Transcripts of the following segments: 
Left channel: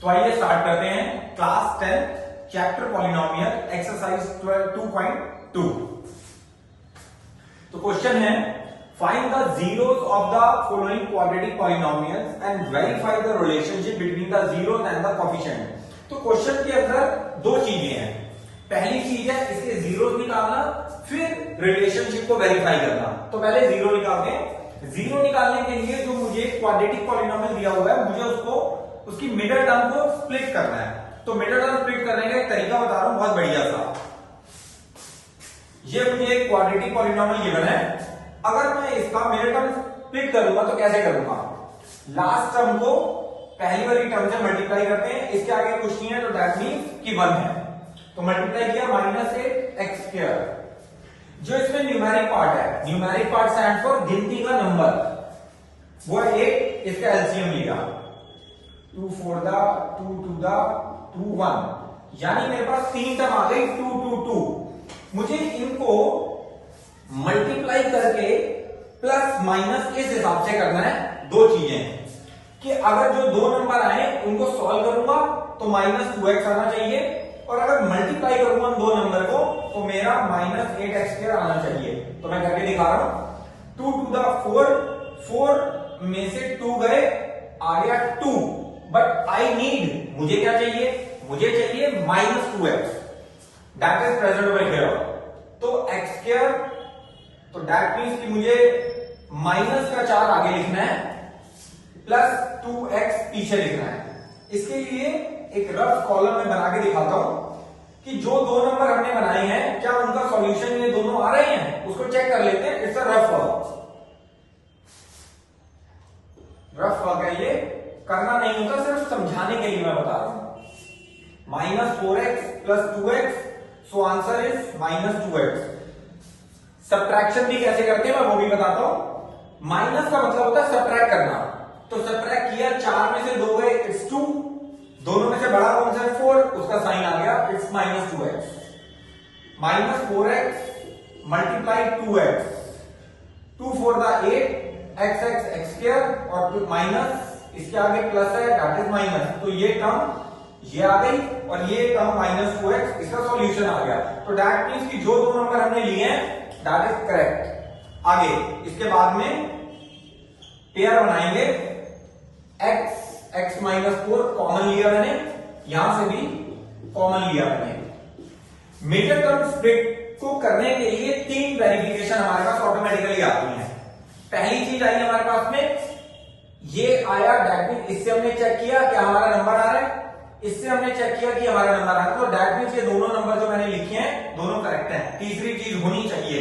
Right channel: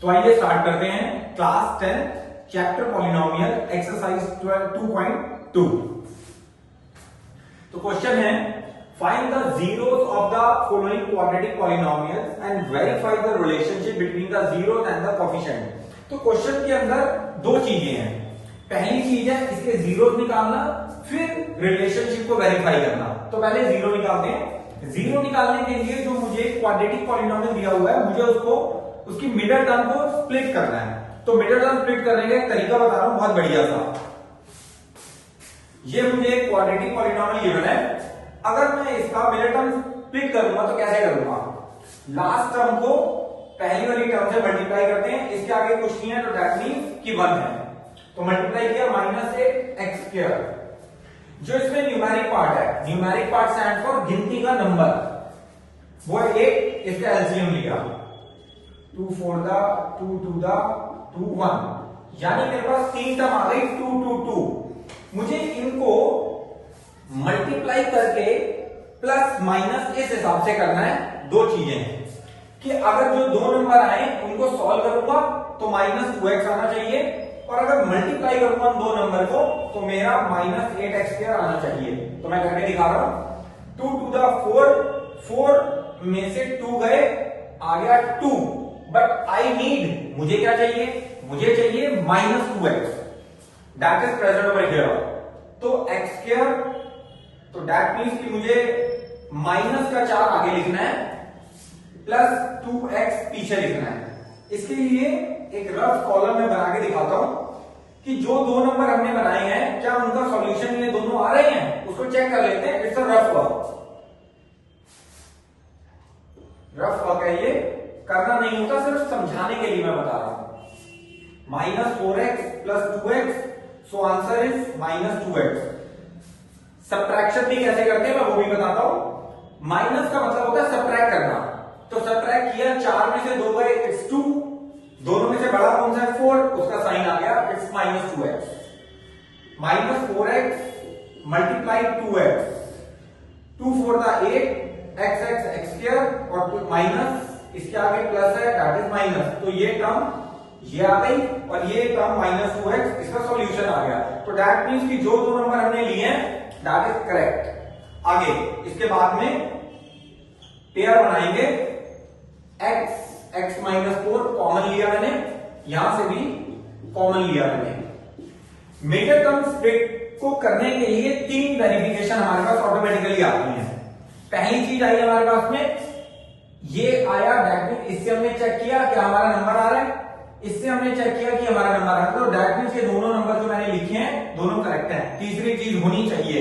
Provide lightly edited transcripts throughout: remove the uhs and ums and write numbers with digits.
तो आइए स्टार्ट करते हैं क्लास 10 चैप्टर पॉलिनोमियल एक्सरसाइज 2.2। तो क्वेश्चन है find the zeros of the following quadratic polynomials and verify the relationship between the zeros and the coefficient. तो question के अंदर दो चीजें हैं। पहली चीज है इसके जीरोस निकालना, फिर रिलेशनशिप को वेरीफाई करना। तो पहले जीरो निकालते हैं। जीरो निकालने के लिए जो मुझे क्वाड्रेटिक पॉलिनोमियल दिया हुआ है, मुझे उसकी मिडिल टर्म को स्प्लिट करना है। तो मिडिल टर्म स्प्लिट करने का एक तरीका बता रहा हूं, बहुत बढ़िया था। ये मुझे एक क्वाड्रेटिक पॉलिनोमियल गिवन है। अगर मैं इसका मिडिल टर्म स्प्लिट करूंगा तो कैसे करूंगा? लास्ट टर्म को पहली वाली टर्म से मल्टीप्लाई करते हैं, इसके आगे कुछ नहीं है, तो दैट मीन्स कि 1 है। तो मल्टीप्लाई किया -8x²। जो इसमें न्यूमेरिक पार्ट है, न्यूमेरिक पार्ट स्टैंड फॉर गिनती का नंबर, वो है 8। इसका एलसीएम लिया 2 4 2 2 2 1, यानी मेरे पास 3 टर्म आ गई 2 2 2। मुझे इनको मल्टीप्लाई करके प्लस माइनस इस हिसाब से करना है। दो चीजें कि अगर जो दो नंबर आए उनको सॉल्व करूंगा तो -2x आना चाहिए, और अगर मल्टीप्लाई करूंगा दो नंबर को तो मेरा -8x² आना चाहिए। तो मैं करके दिखा रहा हूं। 2 2 4 में से 2 गए, आ गया 2, बट आई नीड, मुझे क्या चाहिए? मुझे चाहिए -2x, that is present over here. तो x², तो दैट मीन्स कि मुझे -4 आगे लिखना है, प्लस 2x पीछे लिखना है। इसके लिए एक रफ कॉलम में बना के दिखाता हूं कि जो दो नंबर हमने बनाए हैं, क्या उनका सॉल्यूशन में दोनों आ रहे हैं, उसको चेक कर लेते हैं। It's a rough work. Rough work है ये, करना नहीं होता, सिर्फ समझाने के लिए मैं बता रहा हूं। -4x plus 2x, so answer is -2x। Subtraction भी कैसे करते हैं मैं वो भी बताता हूं। माइनस का मतलब होता है सब्ट्रैक्ट करना। तो सब्ट्रैक्ट किया, 4 में से 2 गए, इट्स 2। दोनों में से बड़ा कौन सा है? 4, उसका साइन आ गया, it's -2x। -4x multiply 2x, 2 4 8 x², और माइनस इसके आगे प्लस है, दैट इज माइनस। तो ये टर्म ये आ गई और ये टर्म -4x, इसका सॉल्यूशन आ गया। तो दैट मीन्स कि जो दो नंबर हमने लिए हैं दैट इज करेक्ट। आगे इसके बाद में पेयर बनाएंगे। x -4 कॉमन लिया मैंने, यहां से भी कॉमन लिया मैंने। मिडिल टर्म स्प्लिट को करने के लिए 3 वेरिफिकेशन हमारे पास ऑटोमेटिकली आती हैं। पहली चीज आई हमारे पास में, ये आया, दैट मीन्स इससे हमने चेक किया कि हमारा नंबर आ रहा है, इससे हमने चेक किया कि हमारा नंबर आ रहा है। तो दैट मीन्स ये दोनों नंबर जो मैंने लिखे हैं दोनों करेक्ट हैं। तीसरी चीज होनी चाहिए,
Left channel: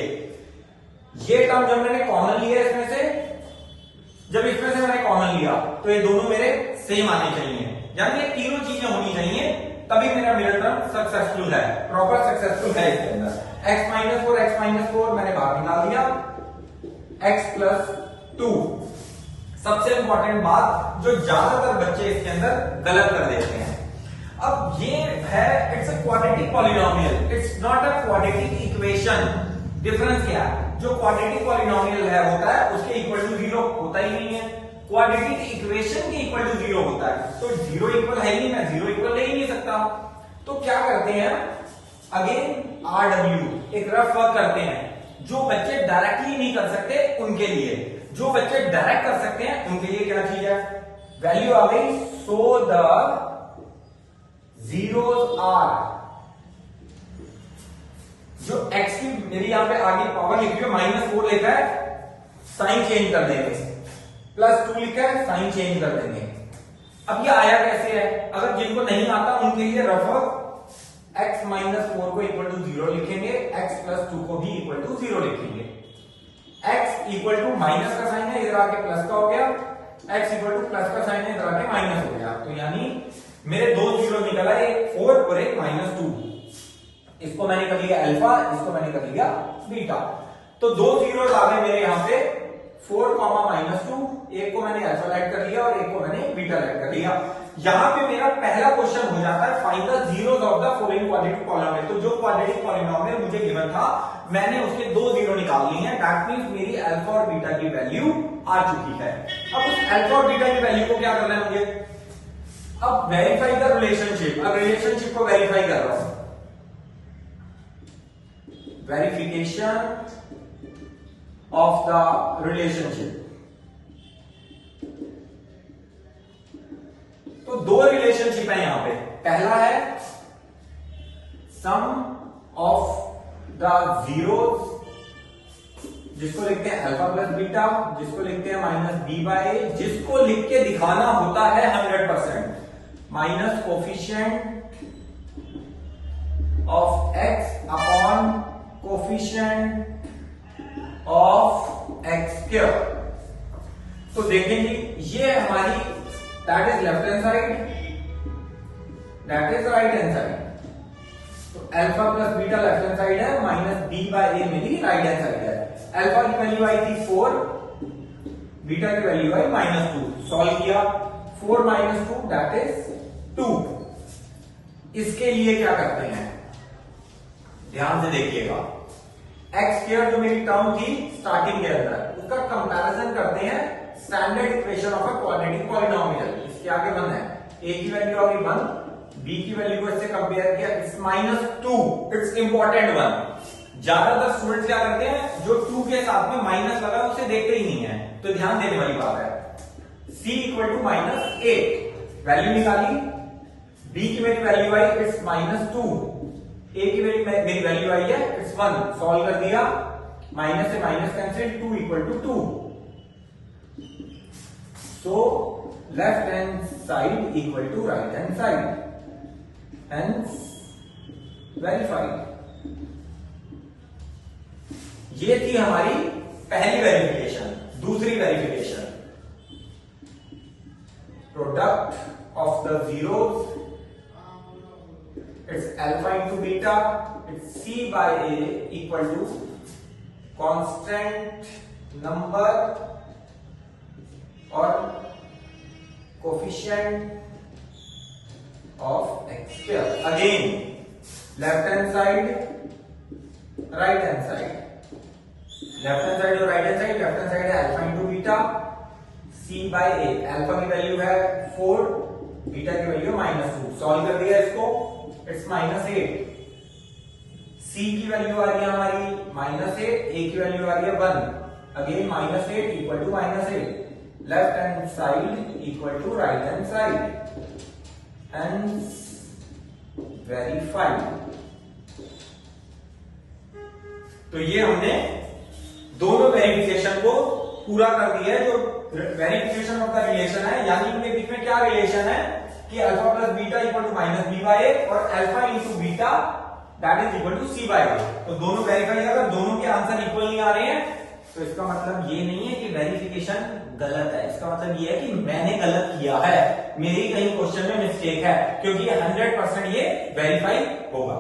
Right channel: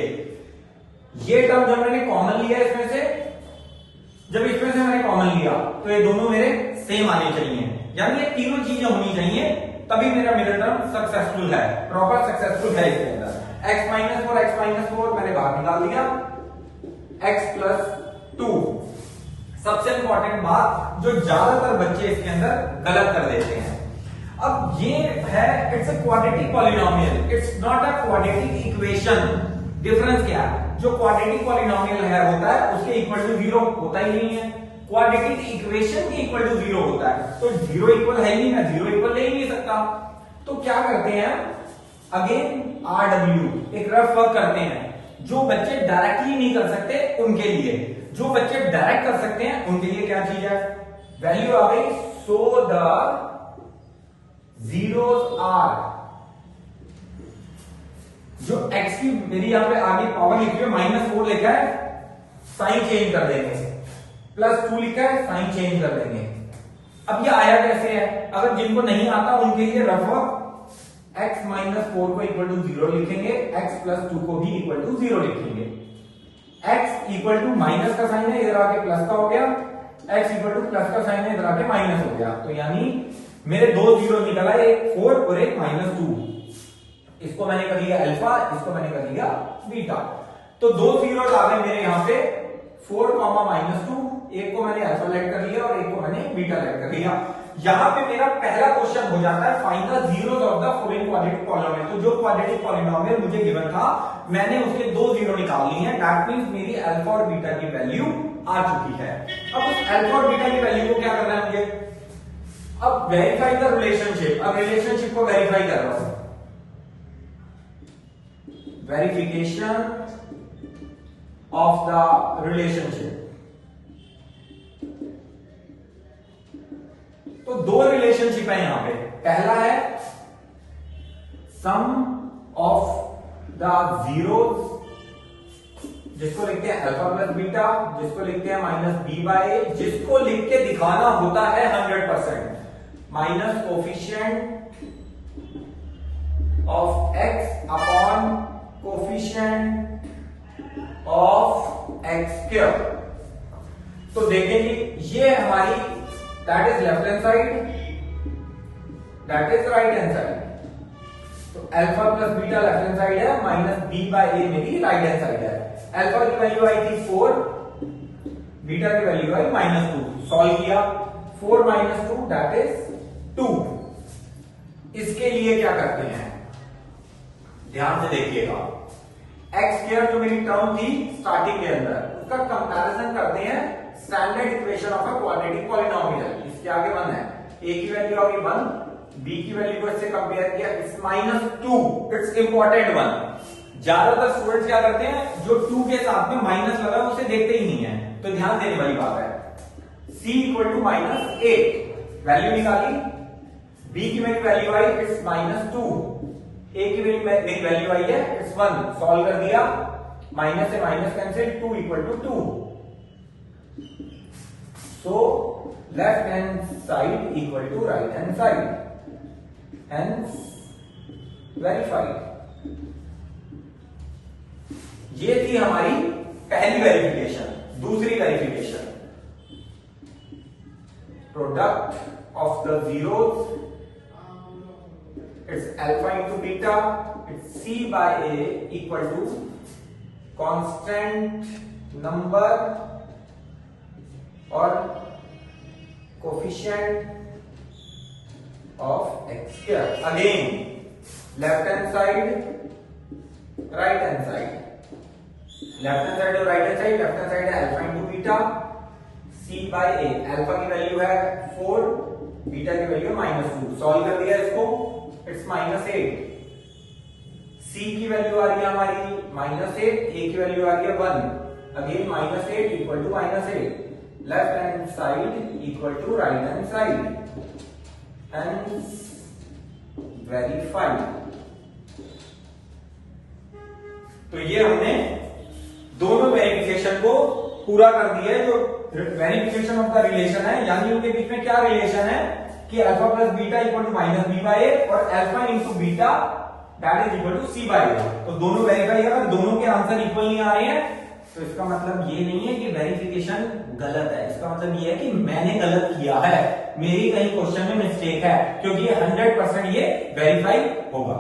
ये टर्म जब मैंने कॉमन लिया इसमें से, जब इसमें से मैंने कॉमन लिया तो ये दोनों मेरे सेम आने चाहिए, यानी ये तीनों चीजें होनी चाहिए, तभी मेरा मिडिल टर्म सक्सेसफुल है, प्रॉपर सक्सेसफुल है। इसके अंदर x -4 मैंने बाहर निकाल दिया, x + 2। सबसे इंपॉर्टेंट बात जो ज्यादातर बच्चे इसके अंदर गलत कर देते हैं, अब ये है it's a quadratic polynomial, it's not a quadratic equation. Difference क्या है? जो क्वाड्रेटिक पॉलिनोमियल है होता है उसके इक्वल टू 0 होता ही नहीं है, क्वाड्रेटिक इक्वेशन के इक्वल टू 0 होता है। तो 0 इक्वल है ही ना, 0 इक्वल ले ही नहीं सकता। तो क्या करते हैं, अगेन RW एक रफ वर्क करते हैं। जो बच्चे डायरेक्टली नहीं कर सकते उनके लिए, जो बच्चे डायरेक्ट कर सकते हैं उनके लिए क्या चीज है? वैल्यू आ गई, सो द जीरोस आर, जो x की मेरी यहां पे आगे पावर लिखी है, -4 लिखा है, साइन चेंज कर देंगे, +2 लिखा है, साइन चेंज कर देंगे। अब ये आया कैसे है? अगर जिनको नहीं आता उनके लिए रफ x -4 को इक्वल टू 0 लिखेंगे, x + 2 को भी इक्वल टू 0 लिखेंगे। x इक्वल टू माइनस का साइन है, इधर आके प्लस का हो गया, x इक्वल टू प्लस का साइन है, इधर आके माइनस हो गया। तो यानी मेरे 2 जीरो निकला, एक 4 और एक -2। इसको मैंने कर लिया अल्फा, इसको मैंने कर लिया बीटा। तो 2 जीरो आ गए मेरे यहां पे, 4, -2। एक को मैंने अल्फा लाइट कर लिया और एक को मैंने बीटा लाइट कर लिया। यहां पे मेरा पहला क्वेश्चन हो जाता है find the zeros of the following quadratic polynomial. तो जो क्वाड्रेटिक पॉलिनोमियल मुझे गिवन था, मैंने उसके 2 जीरो निकाल ली हैं, दैट मींस मेरी अल्फा और बीटा की वैल्यू आ चुकी है। अब उस अल्फा और बीटा की वैल्यू को क्या करना है मुझे? अब वेरीफाई द रिलेशनशिप, अब रिलेशनशिप को वेरीफाई कर रहा हूं, वेरिफिकेशन ऑफ द रिलेशनशिप। तो दो रिलेशनशिप है यहां पे, पहला है सम ऑफ द जीरोस, जिसको लिखते हैं अल्फा प्लस बीटा, जिसको लिखते हैं माइनस बी बाय ए, जिसको लिख के दिखाना होता है 100%, minus coefficient of x upon coefficient of x square. तो देखेंगे ये हमारी that is left hand side, that is right hand side. तो alpha plus beta left hand side है, माइनस बी बाय ए मेरी राइट हैंड साइड है। अल्फा की वैल्यू आई थी 4, बीटा की वैल्यू आई -2, सॉल्व किया, 4 - 2 दैट इज 2। इसके लिए क्या करते हैं, ध्यान से देखिएगा, एक्स स्क्वायर जो मेरी टर्म थी स्टार्टिंग के अंदर, उसका कंपैरिजन करते हैं standard equation of a quadratic polynomial. इसके आगे 1 है, ए की वैल्यू आ गई 1, बी की वैल्यू को इससे कंपेयर किया, इट्स -2, इट्स इंपॉर्टेंट 1। ज्यादातर स्टूडेंट्स क्या करते हैं, जो 2 के साथ में माइनस लगा उसे देखते ही नहीं है, तो ध्यान देने वाली बात है। c = -8 वैल्यू निकाली, b की मेरी वैल्यू आई इट्स -2, a की मेरी वैल्यू आई है इट्स 1, सॉल्व कर दिया, माइनस से minus cancel, 2 = 2। So left hand side equal to right hand side, hence verified. ये थी हमारी पहली वेरिफिकेशन। दूसरी verification, product of the zeros, it's alpha into beta, it's c by a equal to constant number और coefficient of x square. Again left hand side, right hand side, left hand side और right hand side, left hand side है alpha into beta, C by A, alpha की value है 4, beta की value है -2, solve कर दिया इसको, it's -8, सी की वैल्यू आ रही है हमारी -8, ए की वैल्यू आ रही है 1, again -8 equal to -8, left hand side equal to right hand side, and verified. तो ये हमने दोनों वेरिफिकेशन को पूरा कर दिया है। जो वेरिफिकेशन ऑफ द रिलेशन है, यानी उनके बीच में क्या रिलेशन है कि alpha plus beta equal to -b by a और alpha into beta that is equal to c by a. तो दोनों वेरीफाई अगर दोनों के आंसर इक्वल नहीं आ रहे हैं तो इसका मतलब ये नहीं है कि वेरिफिकेशन गलत है, इसका मतलब ये है कि मैंने गलत किया है, मेरी कहीं क्वेश्चन में मिस्टेक है, क्योंकि 100% ये वेरीफाई होगा।